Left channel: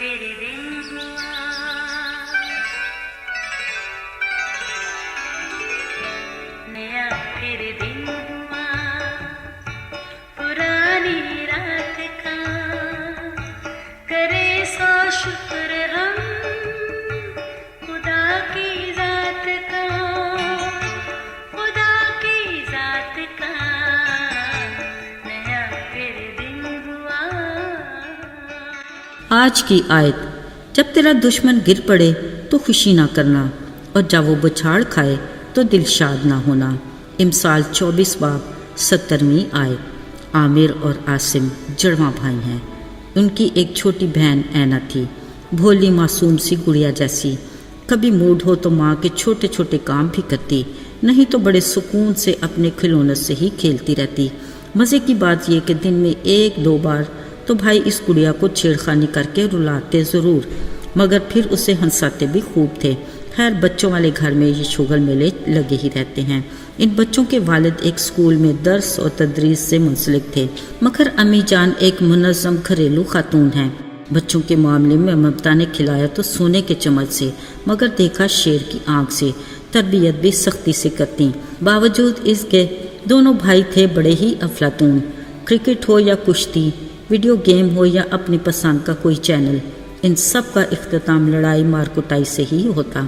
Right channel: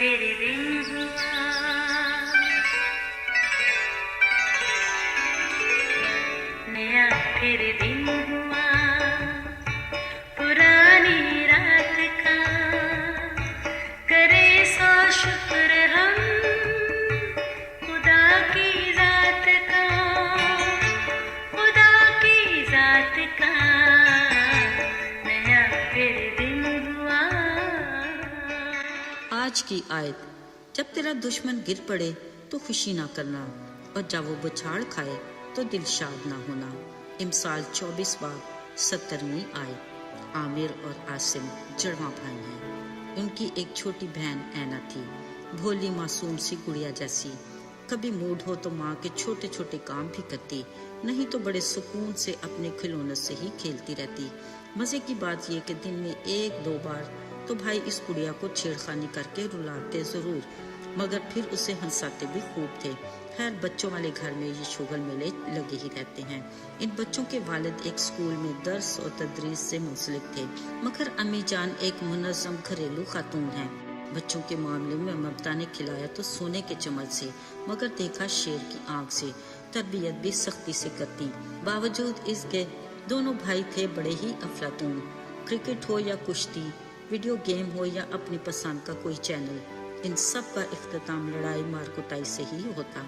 फिर दिन हुआ, नया फिर दिन हुआ, पुरानी रात का करे सो शुक्र हम खुदा की जात का, खुदा की जात का, नया फिर दिन हुआ। आज की आयत, जब तेरा दुश्मन गिर पड़े तो खुशी ना करना, और जब वो बछाड़ खाए तो दिल शाद ना होना। इमसाल 24 बाब 70वीं आयत। आमिर और आसिम जड़वा भाई हैं। उनकी एक छोटी बहन ऐना थी, भोली मासूम सी गुड़िया जैसी। कभी मूड हो तो माँ के छोटे छोटे काम भी करती, नहीं तो बड़े सुकून से अपने खिलौनों से ही खेलती रहती। मज़े की बात यह कि दिन में 1-2 बार तो भाई इस गुड़िया को छेड़खानी करके रुलाते ज़रूर, मगर फिर उसे हंसाते भी खूब थे। खैर, बच्चों वाले घर में ये शुगल मेले लगे ही रहते हैं। इन बच्चों के वालिद एक स्कूल में दर्स और तदरीस से मुंसलिक थे, मगर अम्मी जान एक मुनज़्ज़म घरेलू खातून हैं। बच्चों के मामले में ममता ने खिलाया तो सोने के चम्मच से, मगर देखा शेर की आंख से। तरबियत भी सख्ती से करती। बावजूद इसके दोनों भाई थे बड़े ही अफलातून। क्रिकेट हो या कुश्ती, वीडियो गेम हो या अपनी पसंद का कोई चैनल, इन सब का इख्तिताम लड़ाई मार कुटाई से ही होता,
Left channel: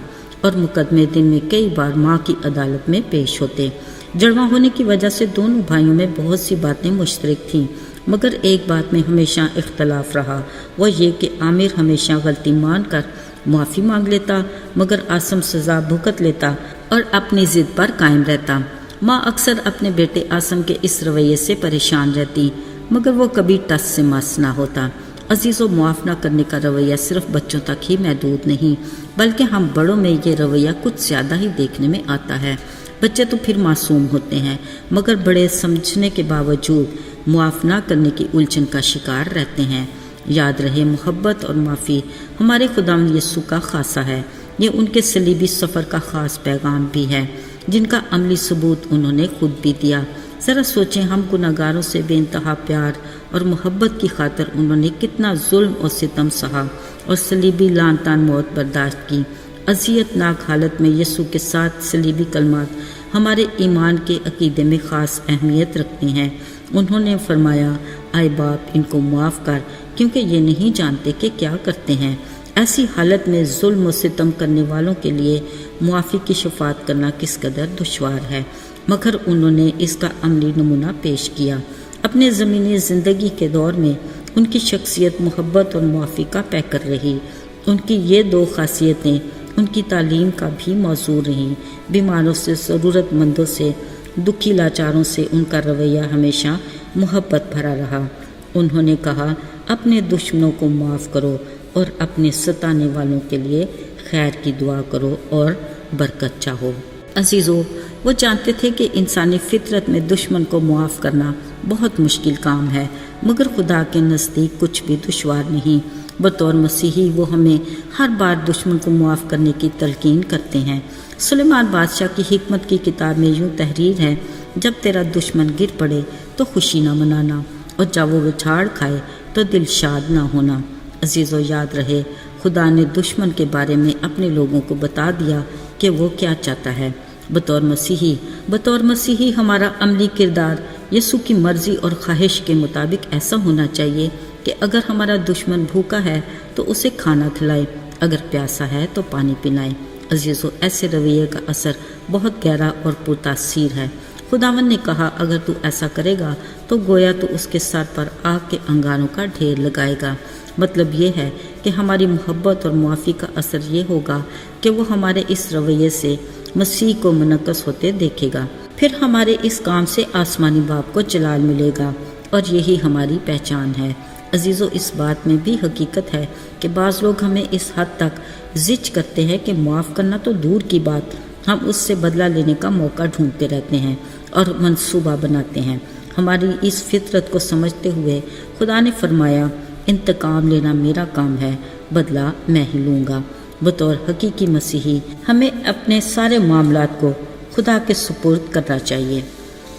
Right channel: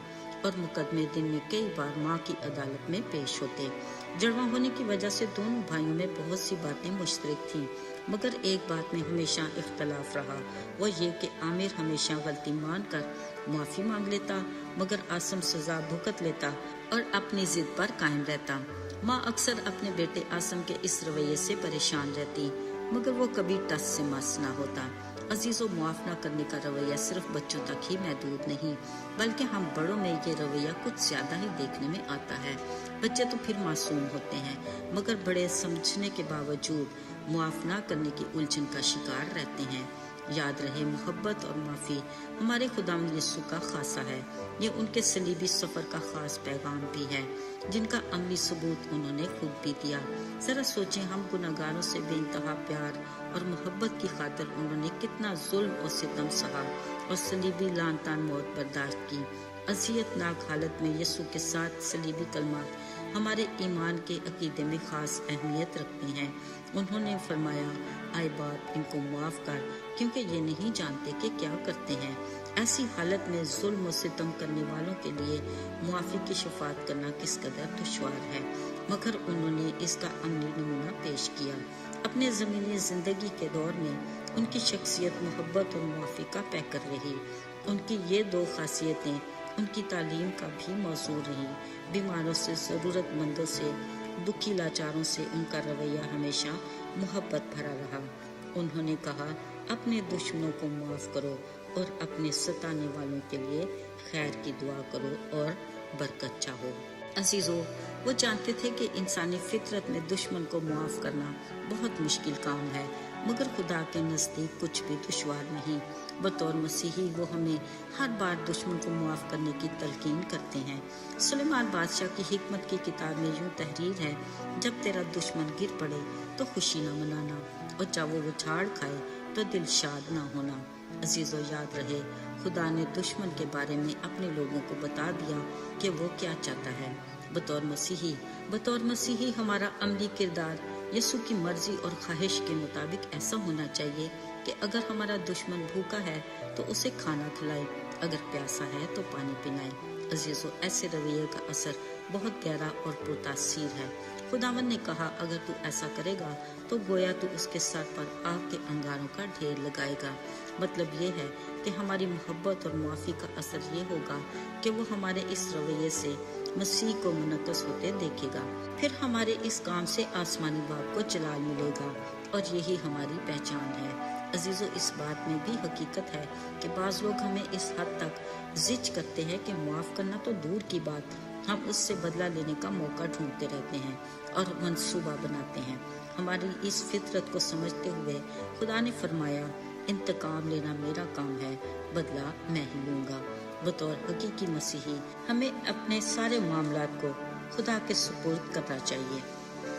और मुकदमे दिन में कई बार माँ की अदालत में पेश होते। जड़वा होने की वजह से दोनों भाइयों में बहुत सी बातें मुश्तरक थीं, मगर एक बात में हमेशा इख्तलाफ रहा, वह ये कि आमिर हमेशा गलती मान कर माफ़ी मांग लेता, मगर आसिम सज़ा भुगत लेता और अपनी ज़िद पर कायम रहता। माँ अक्सर अपने बेटे आसिम के इस रवैये से परेशान रहती, मगर वो कभी टस से मस ना होता। अजीज़ों, मुआफ़ न करने का रवैया सिर्फ बच्चों तक ही महदूद नहीं, बल्कि हम बड़ों में ये रवैया कुछ ज़्यादा ही देखने में आता है। बच्चे तो फिर मासूम होते हैं, मगर बड़े समझने के बावजूद मुआफ़ न करने की उलझन का शिकार रहते हैं। याद रहे, मोहब्बत और माफ़ी हमारे खुदावंद यीशु का खासा है। ये उनके सलीबी सफ़र का ख़ास पैगाम भी है, जिनका अमली सबूत उन्होंने खुद भी दिया। ज़रा सोचें, हम गुनहगारों से बेइंतहा प्यार और मोहब्बत की खातिर उन्होंने कितना जुल्म और सितम सहा और सलीबी लान तान मौत बर्दाश्त की। अज़ियतनाक हालत में यीशु के साथ सलीबी कलमात हमारे ईमान के अकीदे में ख़ास अहमियत रखते हैं। उन्होंने फरमाया, आए बाप, इनको माफ़ कर, क्योंकि ये नहीं जानते कि क्या करते हैं। ऐसी हालत में जुल्म और सितम करने वालों के लिए मुआफ़ी की शफात करना किस कदर दुश्वार है, मगर उन्होंने इसका अमली नमूना पेश किया। अपने ज़मीनी ज़िंदगी के दौर में उनकी शख्सियत मोहब्बत और मुआफ़ी का पैकर रही। उनकी ये 2 खासियतें उनकी तालीम का भी मौजू रहीं। बीमारों से, ज़रूरतमंदों से, दुखी लाचारों से उनका रवैया हमेशा मोहब्बत भरा रहा। उन्होंने कहा, अपने दुश्मनों को माफ़ करो और अपने सताने वालों के लिए खैर की दुआ करो और बरकत चाहो। अजीज़ों, वो जानते थे कि इंसानी फितरत में दुश्मन को मुआफ़ करना बहुत मुश्किल काम है, मगर खुदा के नज़दीक कुछ भी दुश्वार नहीं। बतौर मसीही वो हमें हर बार दुश्मन को मुआफ़ करने की तलकीन करते हैं। सुलेमान बादशाह की हिकमत की किताब में यूँ तहरीर है, जब तेरा दुश्मन गिर पड़े तो खुशी न मनाना, और जब वो बिछाड़ खाए तो दिल शाद ना होना। अजीज़ों, याद रहे, खुदा ने दुश्मन के बारे में अपने लोगों को बता दिया कि वो क्या चाहता है। बतौर मसीही हमारा अमली किरदार यीशु की मर्ज़ी और ख्वाहिश के मुताबिक ऐसा होना चाहिए कि अगर हमारा दुश्मन भूखा है तो उसे खाना खिलाए, अगर प्यासा है तो पानी पिलाए। अजीज़ों, ऐसे रवैये का असर बहुत गहरा और पुरतासीर है। खुदावंद ने कहा, अगर तू ऐसा करेगा तो गोया तो उसके सर पर आग के अंगारों का ढेर लगाएगा। मतलब ये है कि हमारी मोहब्बत और मुआफ़ी का असर ये होगा कि वो हमारे इस रवैये से मसीह को मुनक्कस होते देखेगा। फिर हमारे इस काम से आसमानी बाप को जलाल मिलेगा, और यही हमारी पहचान है। अजीज़ों, इस बात में भी हकीकत है कि बाज़ लोग हमें इस हद तक ज़िज करते हैं कि माफ़ करना तो दूर की बात, हम उससे बदला लेने का मौका ढूंढते रहते हैं और मंसूबा बनाते हैं। हमारी इस फितरत को समझते हुए खुदा ने फरमाया, इंतकाम लेना मेरा काम है, बदला मैं ही लूँगा। बतौर हकीकी मसीही हमें अपने सारे मामलात को खुदा के सुपुर्द करना चाहिए।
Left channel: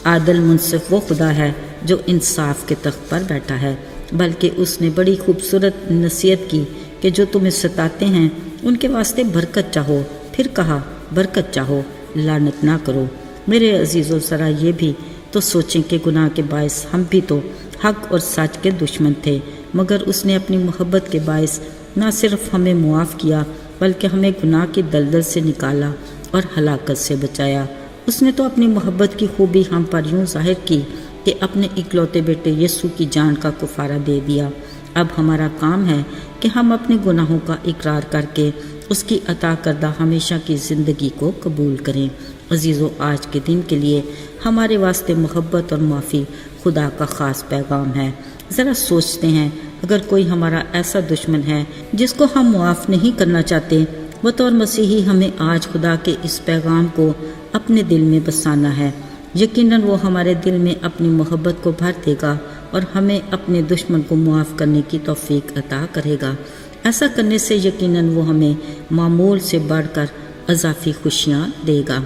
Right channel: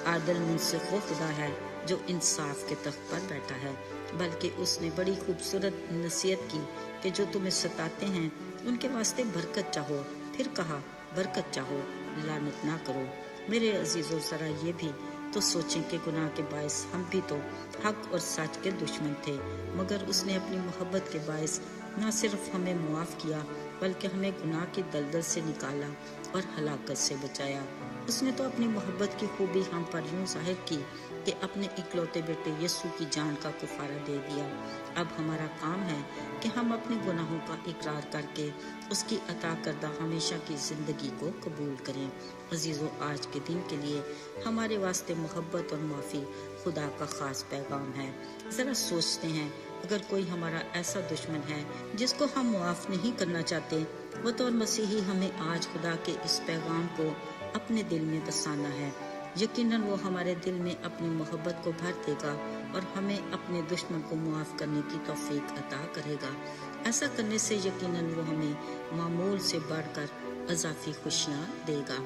आदल मुनसिफ वो खुदा है जो इंसाफ के तख्त पर बैठा है। بلکہ اس نے بڑی خوبصورت نصیحت کی کہ جو تمہیں ستاتے ہیں ان کے واسطے برکت چاہو، پھر کہا برکت چاہو، لعنت نہ کرو۔ میرے عزیزو، ذرا یہ بھی تو سوچیں کہ گناہ کے باعث ہم بھی تو حق اور سچ کے دشمن تھے، مگر اس نے اپنی محبت کے باعث نہ صرف ہمیں معاف کیا بلکہ ہمیں گناہ کی دلدل سے نکالا اور ہلاکت سے بچایا۔ اس نے تو اپنی محبت کی خوبی ہم پر یوں ظاہر کی کہ اپنے اکلوتے بیٹے یسوع کی جان کا کفارہ دے دیا۔ اب ہمارا کام ہے کہ ہم اپنے گناہوں کا اقرار کر کے اس کی عطا کردہ ہمیشہ کی زندگی کو قبول کریں۔ عزیزو، آج کے دن کے لیے ہمارے واسطے محبت اور معافی خدا کا خاص پیغام ہے۔ ذرا سوچتے ہیں، اگر کوئی ہمارا ایسا دشمن ہے جس کو ہم معاف نہیں کرنا چاہتے، بطور مسیحی ہمیں آج خدا کے اس پیغام کو اپنے دل میں بسانا ہے۔ یقیناً وہ ہمارے دل میں اپنی محبت کو بھر دے گا اور ہمیں اپنے دشمن کو معاف کرنے کی توفیق عطا کرے گا۔ ایسا کرنے سے یقیناً وہ ہمیں معمول سے بڑھ کر اضافی خوشیاں دے گا۔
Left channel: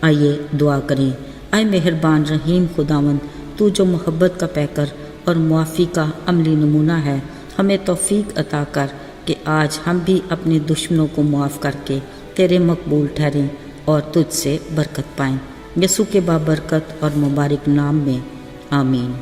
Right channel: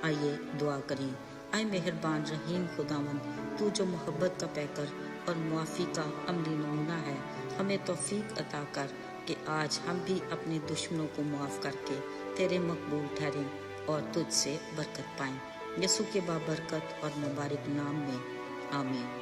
آئیے دعا کریں۔ اے مہربان رحیم خداوند، تو جو محبت کا پیکر اور معافی کا عملی نمونہ ہے، ہمیں توفیق عطا کر کہ آج ہم بھی اپنے دشمنوں کو معاف کر کے تیرے مقبول ٹھہریں اور تجھ سے برکت پائیں۔ یسوع کے بابرکت اور مبارک نام میں آمین۔